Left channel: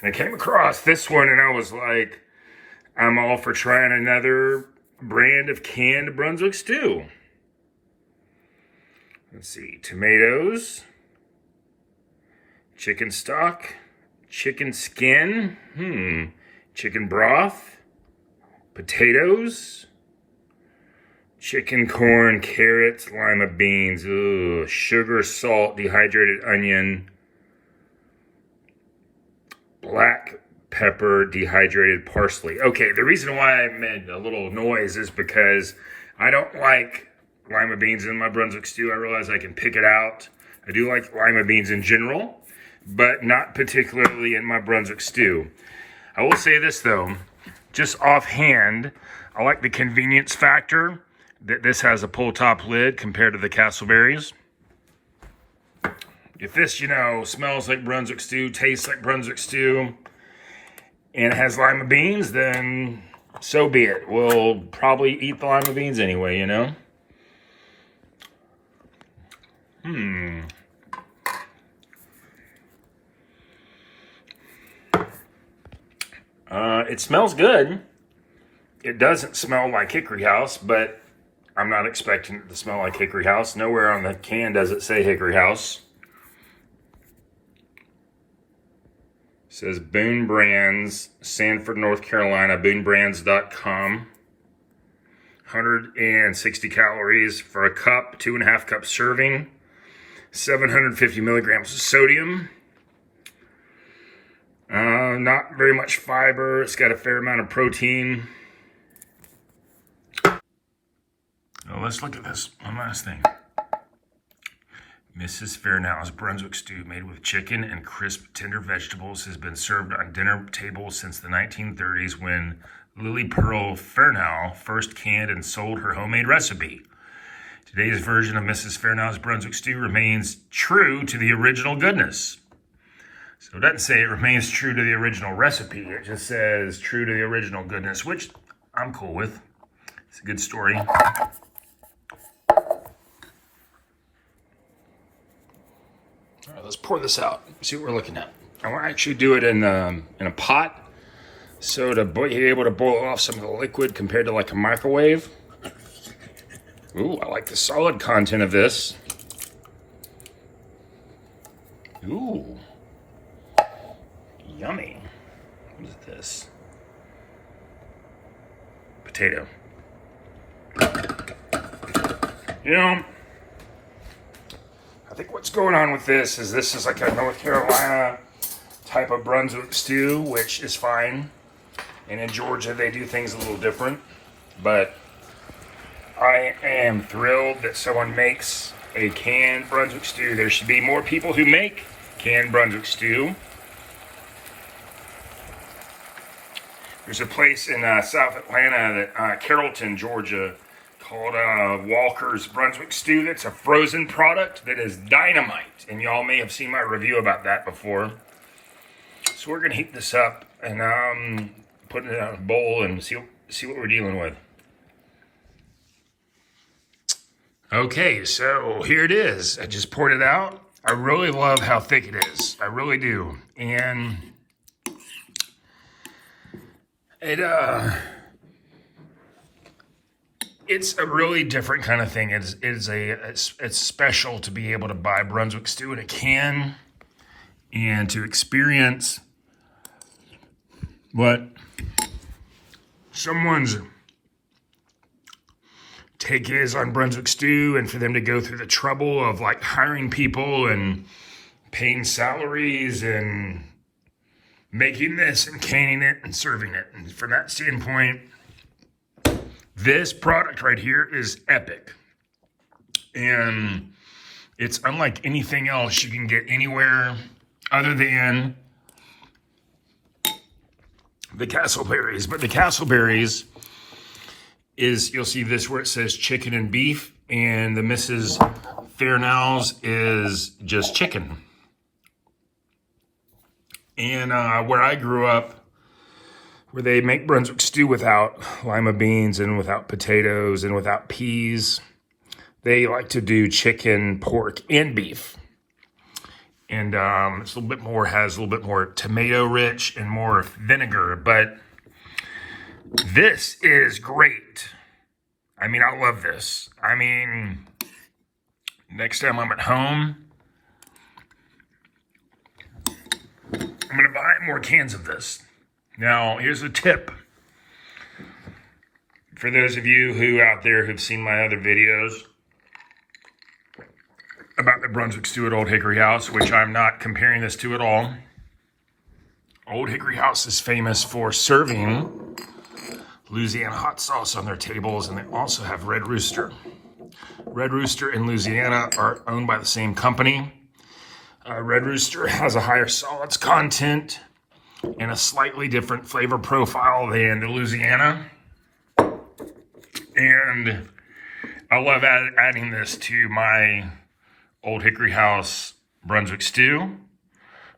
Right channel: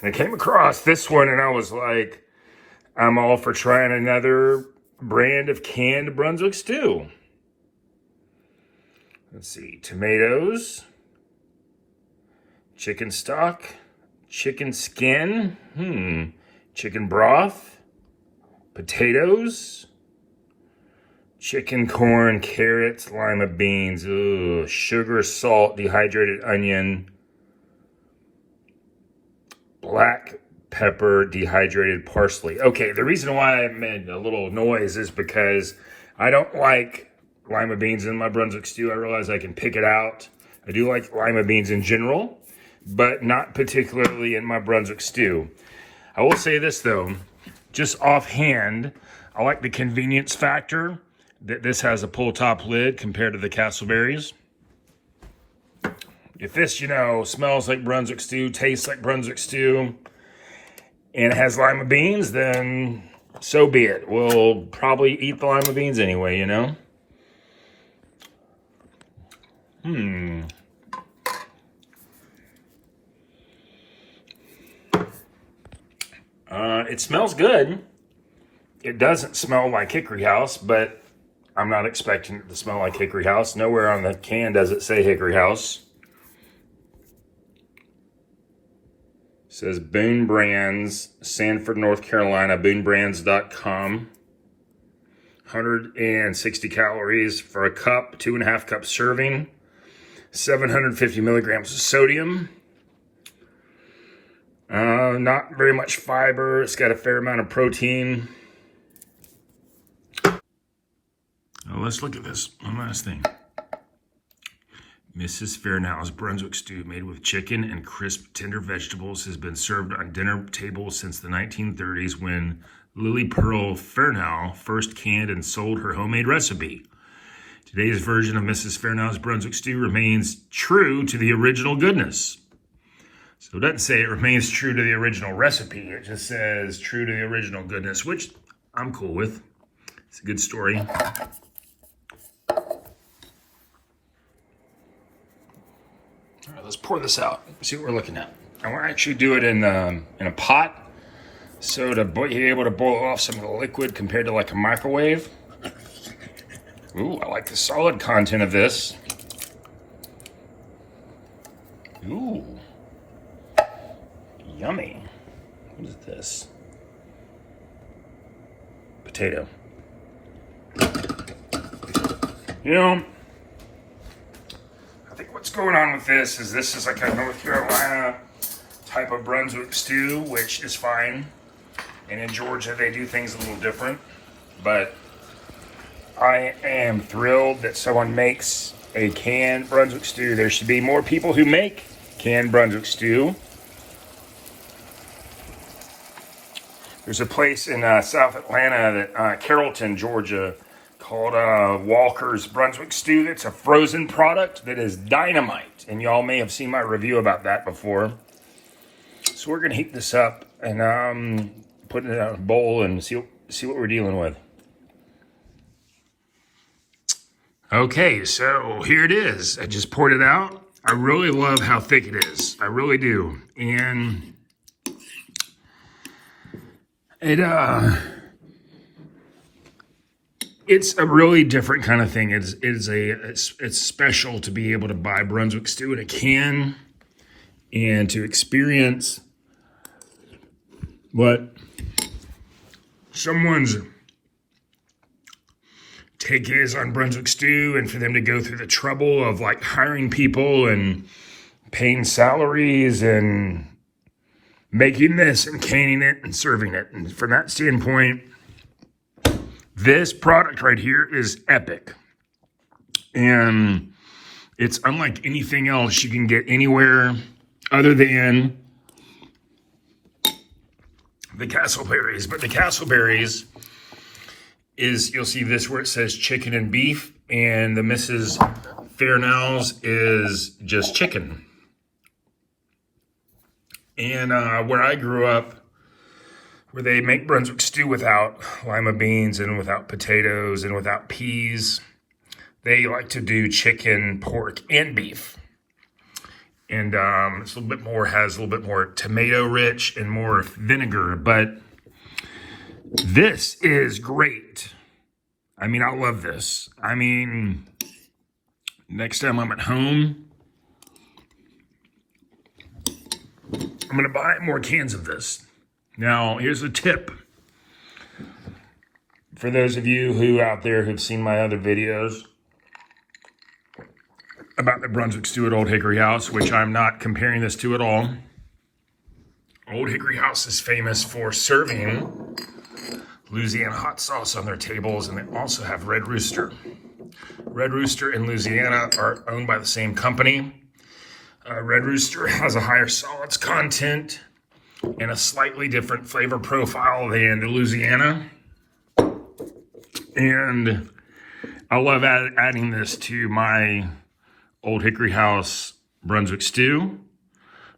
And I came across this one and I was like, I'm all for trying another brand of canned Brunswick stew. Let's see, tomatoes, chicken stock, chicken skin, chicken broth, potatoes, chicken, corn, carrots, lima beans, sugar, salt, dehydrated onion, black pepper, dehydrated parsley. Okay, the reason why I made a little noise is because I don't like lima beans in my Brunswick stew. I realize I can pick it out. I do like lima beans in general, but not particularly in my Brunswick stew. I will say this though, just offhand, I like the convenience factor that this has a pull top lid compared to the Castleberries. If this, smells like Brunswick stew, tastes like Brunswick stew, and it has lima beans, then so be it. We'll probably eat the lima beans anyway, It smells good. It doesn't smell like Hickory House, but I'm not expecting it to smell like Hickory House. Nowhere on the can does it say Hickory House. It says Boone Brands, Sanford, North Carolina, boonebrands.com. 160 calories for a cup, 2.5 cup serving, 750 milligrams of sodium. Not very much fiber. It's got a fair amount of protein. Oh, let's look at this. One last thing. Mrs. Fearnou's Brunswick stew made with chicken and crisp, tender vegetables has been served on dinner tables since the 1930s when Lily Pearl Fearnou first canned and sold her homemade recipe. Today's version of Mrs. Fearnou's Brunswick stew remains true to the original goodness. So it doesn't say it remains true to the original recipe. It just says true to the original goodness, which I'm cool with. It's a good story. All right, let's pour this out. See what we're looking at. I want to actually do it in a pot, so to be able to boil off some of the liquid compared to like a microwave. Ooh, I like the solid content of this. Ooh, yummy. What is this? Potato. I think what's going on with this is like a North Carolina type of Brunswick stew, which is fine. And in Georgia, they do things a little different. But I am thrilled that someone makes a canned Brunswick stew. There should be more people who make canned Brunswick stew. There's a place in South Atlanta, Carrollton, Georgia, called Walker's Brunswick Stew. That's a frozen product that is dynamite. And y'all may have seen my review about that before. So we're going to heat this up and put it in a bowl and see what we're dealing with. Okay, so here it is. I just poured it out. I really love how thick it is. I really do. And it's a really different kind of thing. It's special to be able to buy Brunswick stew in a can and to experience what someone's take is on Brunswick stew, and for them to go through the trouble of like hiring people and paying salaries and making this and canning it and serving it. And from that standpoint, this product right here is epic. And it's unlike anything else you can get anywhere other than the Castleberries. But the Castleberries is, you'll see this where it says chicken and beef, and the Mrs. Fearnou's is just chicken. And where I grew up, where they make Brunswick stew without lima beans and without potatoes and without peas, they like to do chicken, pork, and beef. And it's a little bit more, has a little bit more tomato rich and more vinegar, but this is great. I mean, I love this. I mean, next time I'm at home, I'm gonna buy more cans of this. Now, here's a tip. For those of you who out there who've seen my other videos about the Brunswick stew at Old Hickory House, which I'm not comparing this to at all. Old Hickory House is famous for serving Louisiana hot sauce on their tables, and they also have Red Rooster. Red Rooster and Louisiana are owned by the same company. Red Rooster has a higher solids content and a slightly different flavor profile than the Louisiana. And I love adding this to my Old Hickory House Brunswick stew.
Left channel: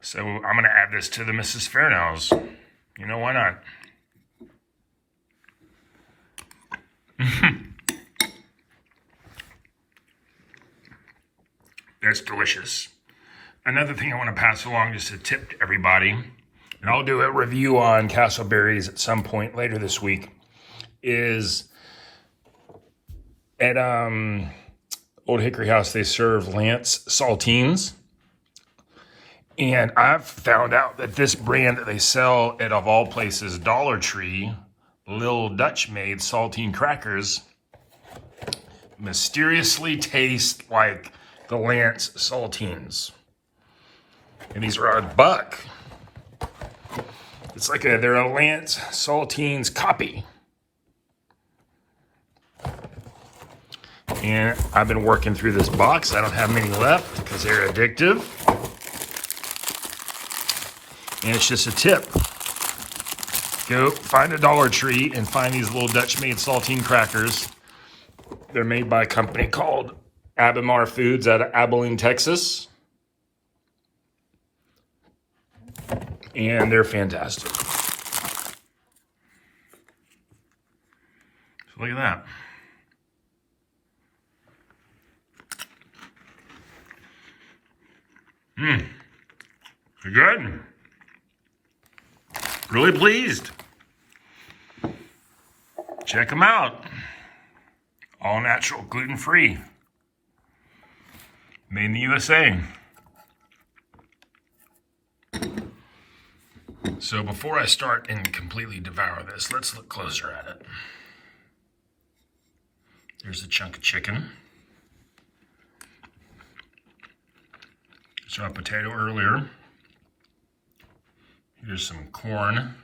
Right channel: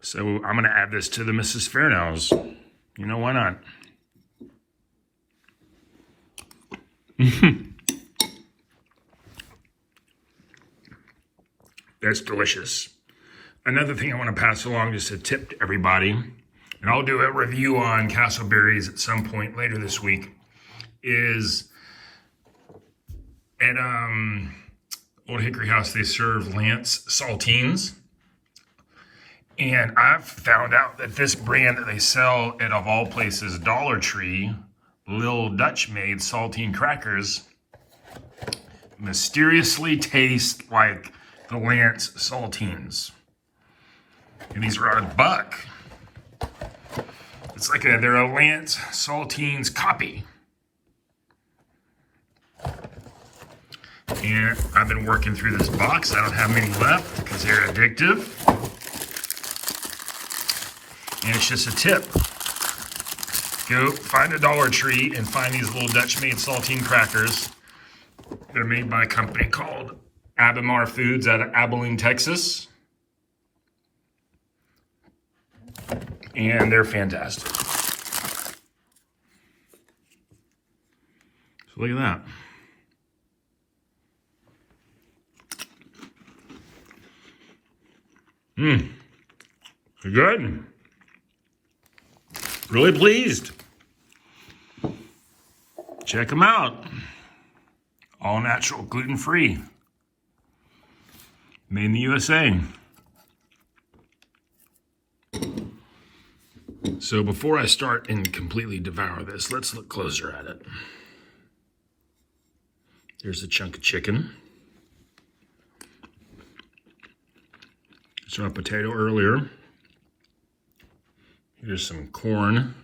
So I'm going to add this to the Mrs. Fearnou's. You know, why not? That's delicious. Another thing I want to pass along, just a tip to everybody, and I'll do a review on Castleberries at some point later this week, is at Old Hickory House, they serve Lance saltines. And I've found out that this brand that they sell at, of all places, Dollar Tree, Lil Dutch made saltine crackers, mysteriously taste like the Lance saltines. And these are $1. It's like they're a Lance saltines copy. And I've been working through this box. I don't have many left because they're addictive. And it's just a tip. Go find a Dollar Tree and find these little Dutch-made saltine crackers. They're made by a company called Abimar Foods out of Abilene, Texas. And they're fantastic. So look at that. They're good. Really pleased. Check them out. All natural, gluten-free. Made in the USA. So before I start and completely devour this, let's look closer at it. There's a chunk of chicken. Saw a potato earlier. Here's some corn.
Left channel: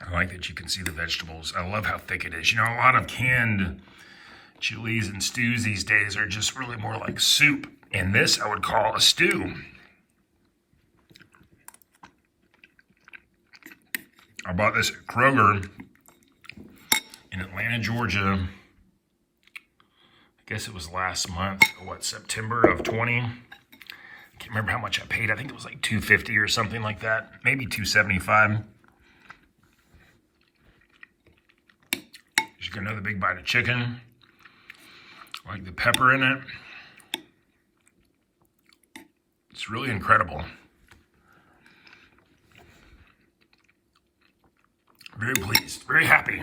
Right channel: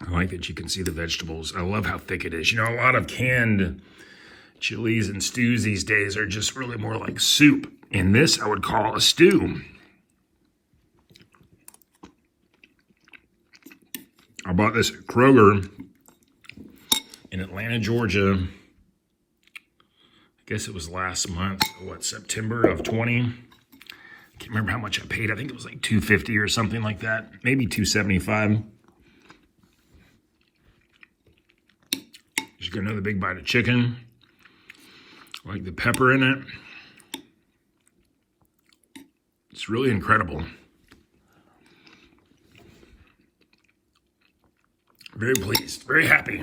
I like that you can see the vegetables. I love how thick it is. You know, a lot of canned chilies and stews these days are just really more like soup. And this I would call a stew. I bought this at Kroger in Atlanta, Georgia. I guess it was last month, September of 20. I can't remember how much I paid. I think it was like $2.50 or something like that. Maybe $2.75. Just got another big bite of chicken. I like the pepper in it. It's really incredible. Very pleased, very happy.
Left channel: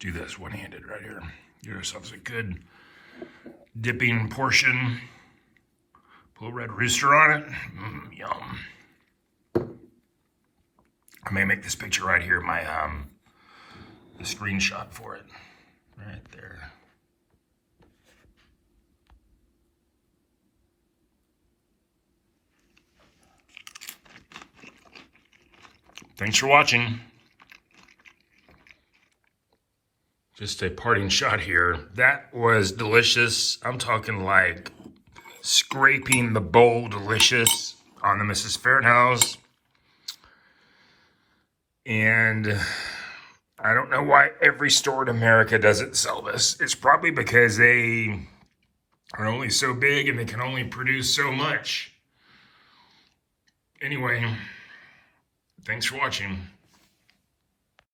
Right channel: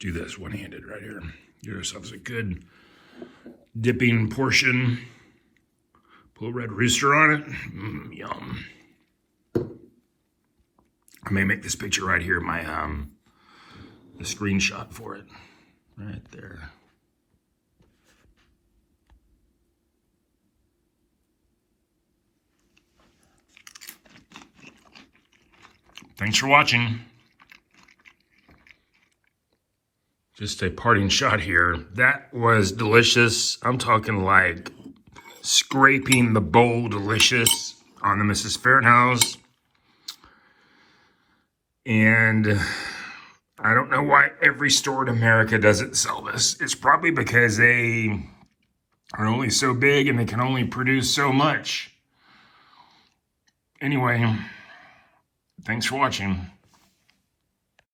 Do this one-handed right here. Give yourselves a good dipping portion. Put a Red Rooster on it. Yum. I may make this picture right here my the screenshot for it. Right there. Thanks for watching. Just a parting shot here. That was delicious. I'm talking like scraping the bowl delicious on the Mrs. Fearnou's. And I don't know why every store in America doesn't sell this. It's probably because they are only so big and they can only produce so much. Anyway, thanks for watching.